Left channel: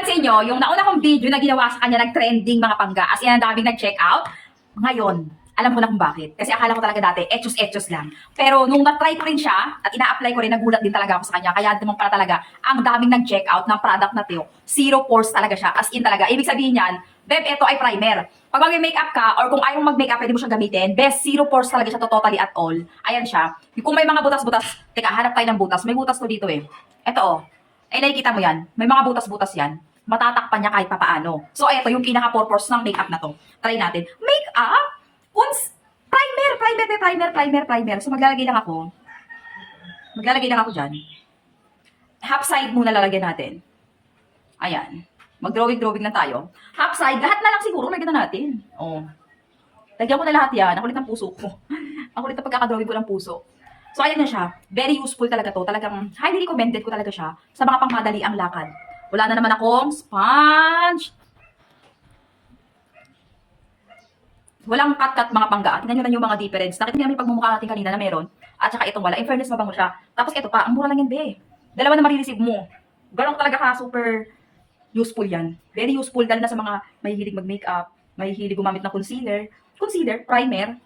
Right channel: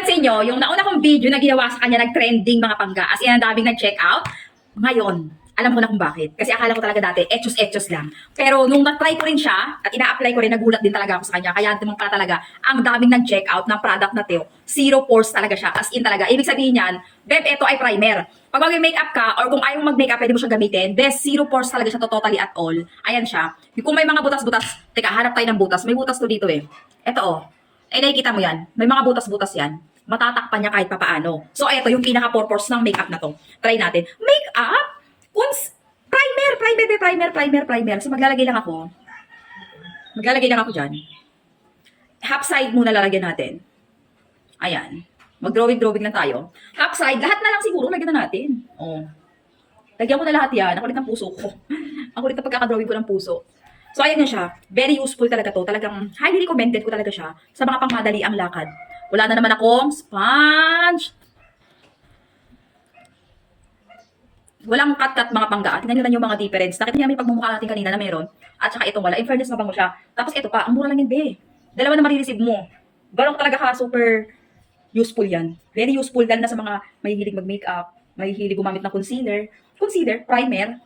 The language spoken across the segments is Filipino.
napansin nyo, yung nauna kong video na ginawa sa kanya, nag-trending mga pangga. As in, ang daming nag-check out. Ngayon, alam ko na kung bakit. Kasi akala ko talaga dati, etchos-etchos lang. Pero nung na-try ko rin siya, at ina-apply ko rin, nagulat din talaga ako sa kanya. Kaya naman pala talaga, ang daming nag-check out ng product na to. Zero pores talaga siya. As in talaga. Ibig sabihin yan, Beb, ito ay primer. Pag mag-makeup ka, or kung ayaw mag-makeup, pwede mo siyang gamitin. Best, zero pores talaga siya to totally at all. Ayan siya. Kung may mga butas-butas, teka, hanap tayo ng butas. May butas to dito eh. Ito oh. Eh, nakikita mo yan. May mga butas-butas yan. Matatakpan niya kahit papaano. So, ito yung pinaka-purpose ng makeup na to. Try natin. Makeup? Primer. So, maglalagay lang ako. Dyan. Half side muna lalagyan natin. Ayan. Mag-drawing lang tayo. Half side, lahat na lang siguro lagyan na natin. Oh. Lagyan ko na lahat yan. Ang kulit ng puso ko. Ang kulit ng pagkakadrawing ko ng puso. So, ayan na siya. Very useful talaga to. Talagang highly recommended ko talaga siya sa mga pangmadali ang lakad. Wala na naman akong sponge. Walang cut-cut mga pangga. Tingnan nyo lang yung mga difference. Nakita niyo may pagmumukha natin kanina na meron. At saka itong wala. In fairness, mabango siya. Tapos ito pa, ang mura lang yan, be. Dalawa na marireceive mo. Ganun talaga ka, super useful yan. Very useful lalo na sa mga mahihilig mag-makeup, mahihilig gumamit ng concealer. Concealer, primer.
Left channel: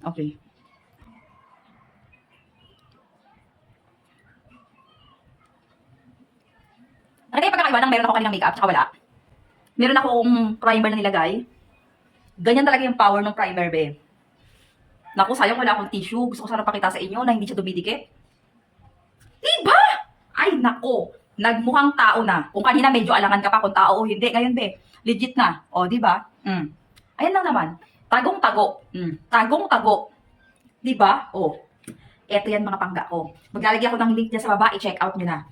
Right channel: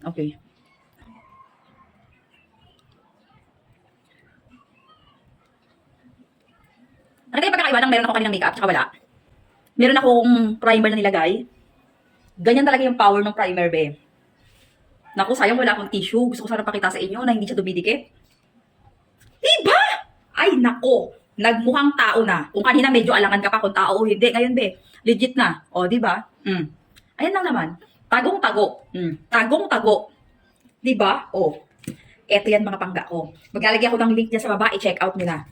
Okay. Ano kayo pagkakaiba ng meron ako kaninang makeup tsaka wala? Meron akong primer na nilagay. Ganyan talaga yung power ng primer, be. Naku, sayang wala akong tissue. Gusto ko sana pakita sa inyo na hindi siya dumidikit. Diba? Ay, nako. Nagmukhang tao na. Kung kanina medyo alangan ka pa kung tao o hindi. Ngayon, be, legit na. O, diba? Ayan lang naman. Tagong-tago. Tagong-tago. Diba? O. Eto yan mga pangga ko. Maglalagay ako ng link dyan sa baba. I-check out nyo na.